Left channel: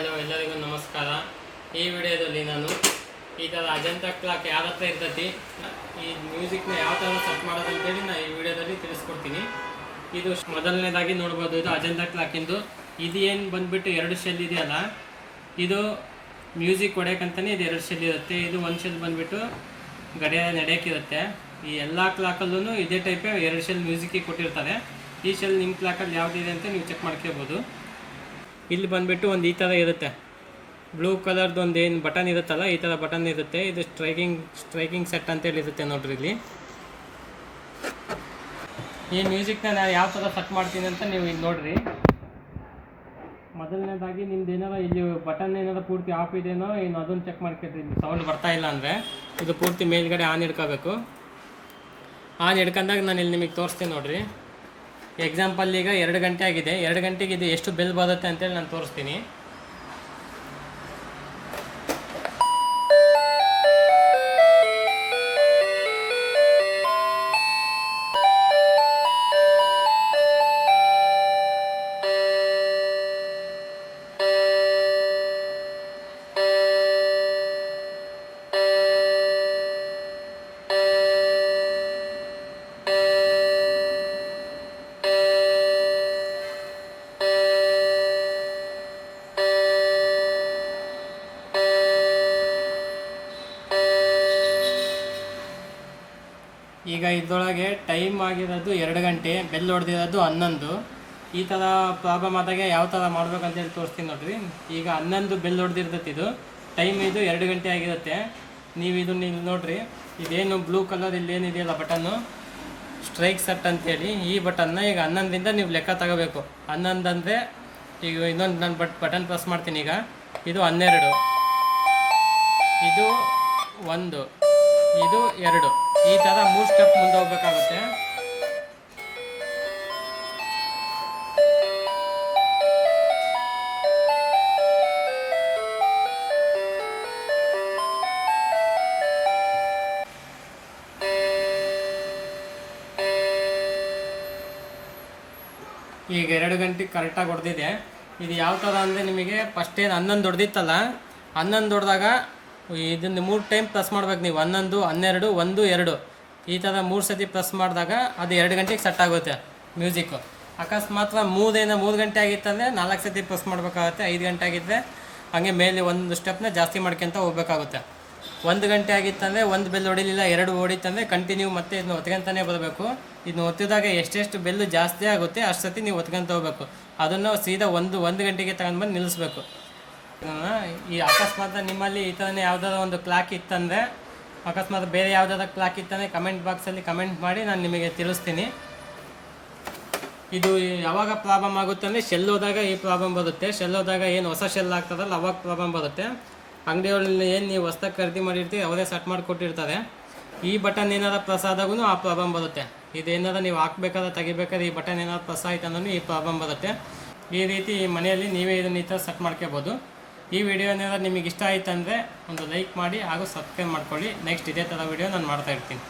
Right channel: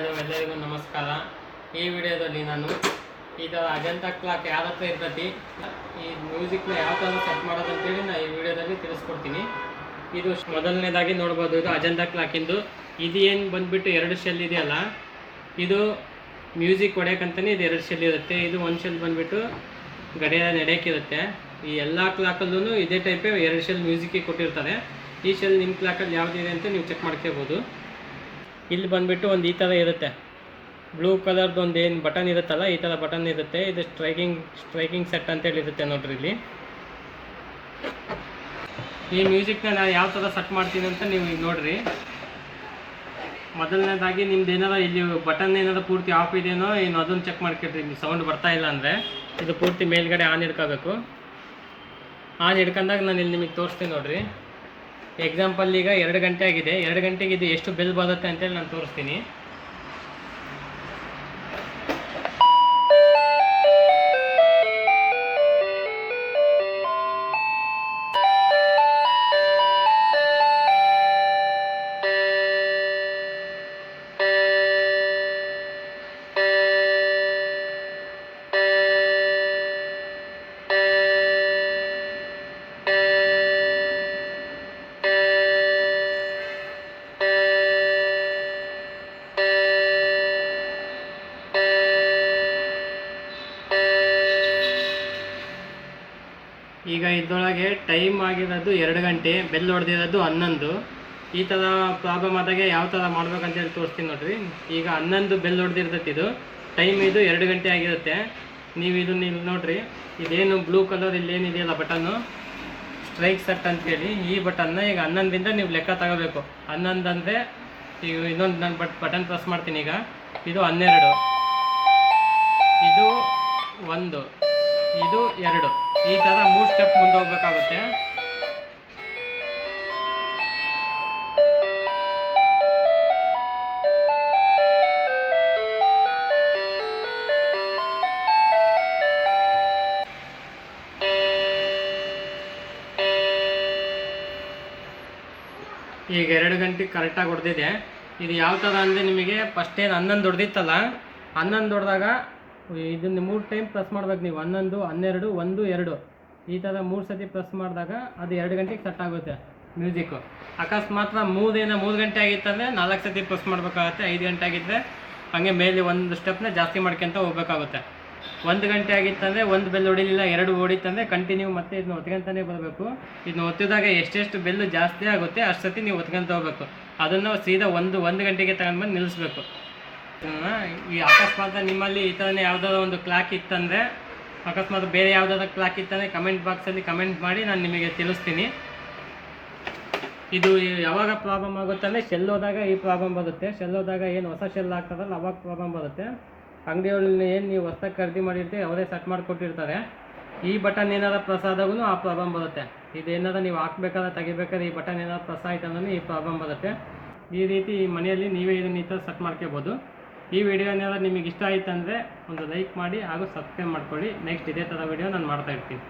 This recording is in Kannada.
ಹಲೋ ಎಲ್ಲರಿಗೂ ನಮಸ್ಕಾರ. ಈ ವಿಡಿಯೋದಲ್ಲಿ ನಾನು ಈ ಥರ ಅಜಂತಾ ಕ್ಲಾಕ್ ಯಾವ ಹತ್ರ ಇರ್ತೈತಿ, ಈ ಮ್ಯೂಸಿಕ್ನ ಯಾವ ಥರ ಸೆಟ್ ಮಾಡೋದಂತೇಳಿ ನಾನು ಈ ವಿಡಿಯೋದಲ್ಲಿ ತಿಳಿಸ್ಕೊಡ್ತೀನಿ. ಇದು ಮೊದಲನೇದಾಗಿ ನೋಡ್ಬೋದು, ಇದು ಅಜಂತಾ ಕ್ಲಾಕಿಂದು. ಇದು ಏನು ಬಂದುಬಿಟ್ಟು 2 ಶೆಲ್ ಇದೆಯಲ್ಲ, ಇದು ಮ್ಯೂಸಿಕ್ ಹೊಡೆಯೋಕ್ಕಂತಲೇ ಇದು 2 ಶೆಲ್ ಇರುತ್ತೆ. ಇದು ಒಂದು ಶೆಲ್ ಬಂದುಬಿಟ್ಟು ಗಡಿಯಾರ ನಡೆಯೋಕ್ಕಿರುತ್ತೆ. ಈ ಎಲ್ಲ ಕ್ಲಾಕಲ್ಲೂ ಇದೇ ಟೈಪೇ 2 ಶೆಲ್ ಮ್ಯೂಸಿಕ್ಕಿಗೆ ಕೊಟ್ಟಿರ್ತಾರೆ. ಈ ಶೆಲ್ ನಿಮ್ಮ ಕ್ಲಾಕಲ್ಲಿ ಯಾವುದಿದೆ ಅಂತ ನೀವು ಚೆಕ್ ಮಾಡ್ಕೋಬೋದು. ಇಲ್ಲಿ ಬಂದುಬಿಟ್ಟು ಒಂದು ಈ ಥರ ಇರುತ್ತೆ, ಬ್ಲೂ ಕಲರ್ದು ಒಂದು ಏನು ಬಟನ್ ಇರುತ್ತಲ್ಲ, ಈ ಥರ ಬಟನ್ ಇರುತ್ತೆ. ಇದು ಸ್ಟ್ರೈಕಿಂಗ್ ಸೆಟ್ ಅಂತೇಳಿ ಇರುತ್ತೆ ನೋಡ್ರಿ. ಇಲ್ಲಿ ಈ ಮ್ಯೂಸಿಕ್ನ ನಾನು ಯಾವ ಥರ ಸೆಟ್ ಮಾಡ್ತೀನಿ ಅಂತ ನೀವು ಈಗ ನೋಡಿರಿ. ಮೊದಲನೇದಾಗಿ ನಿಮ್ದು ಏನಾರ ಇಲ್ಲಿ ಬಟನ್ ಏನಾರ ಪೂರ್ತಿ ಆಫ್ ಇದೆಯೋ ಏನು ಅದನ್ನು ಚೆಕ್ ಮಾಡ್ಕೊಳ್ರಿ. ಸೌಂಡ್ ಬರ್ತಾ ಇಲ್ಲ ಅಂದರೆ ಇದು ಪೂರ್ತಿ ಮೇಲ್ಗಡೆ ಆನ್ ಹಿಡ್ಕೋಬೇಕು. ಆನ್ ಹಿಡ್ಕೊಂಡಾಗ ನಾನು ಇಲ್ಲಿ ನಿಮಗೆ ತೋರಿಸ್ತೀನಿ ನೋಡಿರಿ. ಎಕ್ಸಾಂಪಲ್ ಈಗ 2 ಗಂಟೆ ಆಗಿದೆ. 2 ಗಂಟೆಗೆ ಇದು ಎಷ್ಟು ಬೆಲ್ ಬರುತ್ತೆ ಅಂತೇಳಿ ನಾನು ತೋರಿಸ್ತೀನಿ. ಈಗ ಇದರೊಳಗೆ ಟೈಮ್ ಆಗಿರೋದು 2 ಗಂಟೆ, ಬೆಲ್ ಹೊಡೆದಿರೋದು 11. ಈ ಥರ ಪ್ರಾಬ್ಲಮ್ ಆದಾಗ ಯಾವ ಥರ ಮಾಡ್ಬೇಕಂತೇಳಿ ತೋರಿಸ್ತೀನಿ ನೋಡಿರಿ. ಈಗ 11 ಬೆಲ್ ಹೊಡೆದಿರ್ತೈತಿ, ಇದು ಟೈಮ್ ಇದು 2 ಗಂಟೆ ಆಗಿರುತ್ತೆ. ನೀವು ಇದನ್ನ ಇಲ್ಲಿ ನೋಡಿರಿ, ಇದೇನು ಬ್ಲೂ ಕಲರ್ ಇಲ್ಲೇನಿದೆಯಲ್ಲ ಬಟನ್ನು, ಸ್ಟ್ರೈಕ್ ಸೆಟ್ ಅಂತೇಳಿ, ಈ ಬಟನ್ನ ಈಗ 11ರಿಂದ ನೀವು ಲೆಕ್ಕ ತಗೋಬೇಕು. 11 ಅಂದರೆ ಈಗ ಇನ್ನೊಂದು ನಾನು ಬಟನ್ ಪ್ರೆಸ್ ಮಾಡ್ತೀನಿ. ಈಗ ಇದು 12, ಇದು 1, ಇದು 2, ಈ ಥರ 3 ಸ್ಟೆಪ್ ಮುಂದೆ ಹೋಗ್ಬೇಕಾಗುತ್ತೆ. ಈಗ 2 ಗಂಟೆಗೆ ಕರೆಕ್ಟಾಗಿ ಹೊಡೆದಿದೆ. ಇದು ಯಾವ ಥರ ಅಂದರೆ, ನಿಮಗೆ ಫಸ್ಟ್ ಏನು 11 ಹೊಡೆದಿತ್ತಲ್ಲ, 11 ಹೊಡೆದಾಗ ಇದನ್ನು 3 ಟೈಮ್ ಪ್ರೆಸ್ ಮಾಡ್ಬೇಕು ನೀವು. 11, 12, 1, 2 ಈ ಥರ 3 ಸತಿ ಪ್ರೆಸ್ ಮಾಡಿದಾಗ ಅದು 2 ಗಂಟೆಗೆ ಸೆಟ್ ಆಗುತ್ತೆ ಮ್ಯೂಸಿಕ್ಕು. ಅಕಸ್ಮಾತ್ 3 ಗಂಟೆ ಆಗಿತ್ತಂದರೆ 4 ಸತಿ ಪ್ರೆಸ್ ಮಾಡಬೇಕಾಗುತ್ತೆ. 5 ಗಂಟೆ ಆಗಿದ್ದರೆ ಹಾಗೆ ಮೇಲೆ ಒಂದು ಸ್ಟೆಪ್ನ ಜಾಸ್ತಿ ಮಾಡ್ಕೊತ ಹೋಗ್ಬೇಕಾಗುತ್ತೆ. 1 ಗಂಟೆ ಆಗಿತ್ತಂದರೆ 1 ಬೆಲ್ ಹೊಡಿಲಿಲ್ಲ, 2 ಹೊಡಿತಂದರೆ ಕಂಟಿನ್ಯೂ ಮತ್ತೆ ಇದನ್ನ ಒತ್ಕೊಂತಾನೆ ಬರಬೇಕು. ಇದನ್ನ ಒತ್ತಿದಾಗ ಎಷ್ಟೆಷ್ಟು ಬೆಲ್ಲು ಜಾಸ್ತಿ ಆಗುತ್ತೆ ಅಷ್ಟು ಸತಿ ನೀವು ಒತ್ಕೊಂತ ಹೋಗ್ಬೇಕು. ಅದನ್ನು ಸೀದಾ 1 ಗಂಟೆಗೆ ತಗೊಂಡ್ಬಂದು ನಿಲ್ಲಿಸ್ಬೇಕು. ಈ ಅಕಸ್ಮಾತ್ ನಿಮ್ಮಲ್ಲಿ ಈ ಥರನೇ ಯಾವುದಾದ್ರು ಒಂದು ಕ್ಲಾಕ್ ಇತ್ತಂದರೆ, ಅಕಸ್ಮಾತ್ ಬೇರೆ ಯಾವುದಾದ್ರು ಕ್ಲಾಕ್ ಇತ್ತಂದರೆ ಕಮೆಂಟ್ ಬಾಕ್ಸಲ್ಲಿ ಕಮೆಂಟ್ ಮಾಡಿ, ನಾನು ನಿಮಗೆ ತಿಳಿಸ್ತೀನಿ. ಇದು ಯಾವಾಗ ಪ್ರಾಬ್ಲಮ್ ಆಗುತ್ತೆ ಅಂದರೆ, ಶೆಲ್ ಹೋದಾಗ ಈ ಪ್ರಾಬ್ಲಮ್ ಬರುತ್ತೆ. ಶೆಲ್ ಹೋದಾಗ ಏನು ಹೊಸ ಶೆಲ್ ಆಗ್ತದಲ್ಲ ಅವಾಗ ಪ್ರಾಬ್ಲಮ್ ಬರುತ್ತೆ. ಅಂಗಡಿಯಲ್ಲಿ ಏನು ನೀವು ಹೊಸ್ದಾಗಿ ಖರೀದಿ ಮಾಡಿರ್ತೀವಿ ಅವರೇ ಸೆಟ್ ಮಾಡಿ ಕೊಟ್ಟಿರ್ತಾರೆ. ಈ ಬಟನ್ ಏನಾರ ಪ್ರೆಸ್ ಆದಾಗೂ ಆ ಪ್ರಾಬ್ಲಮ್ ಬರುತ್ತೆ. ಇದೇನಾರ ನೀವು ಹಾಕ್ಬೇಕಾದ್ರೆ ತೆಗಿಬೇಕಾದ್ರೆ ಈ ಬಟನ್ ಏನಾದ್ರು ಪ್ರೆಸ್ ಆಯ್ತು ಅಂದ್ರೆ ಈ ಪ್ರಾಬ್ಲಮ್ ಬರುತ್ತೆ. ಈ ರೀತಿ ಮನೆಯಲ್ಲಿ ನೀವೇ ಇದನ್ನ ಈ ಥರ ಸೆಟ್ ಮಾಡ್ಕೋಬೋದು. ಈ ವಿಡಿಯೋ ಏನಾದ್ರು ನಿಮಗೆ ಇಷ್ಟ ಆಯ್ತು ಅಂದರೆ ಒಂದು ಲೈಕ್ ಮಾಡಿ ಹಾಗೂ ಸಬ್ಸ್ಕ್ರೈಬ್ ಮಾಡ್ಕೊಳ್ಳಿ. ನೆಕ್ಸ್ಟ್ ಇದೇ ಥರ ವಿಡಿಯೋ ನಾನು ಮಾಡ್ತಾಯಿರ್ತೀನಿ.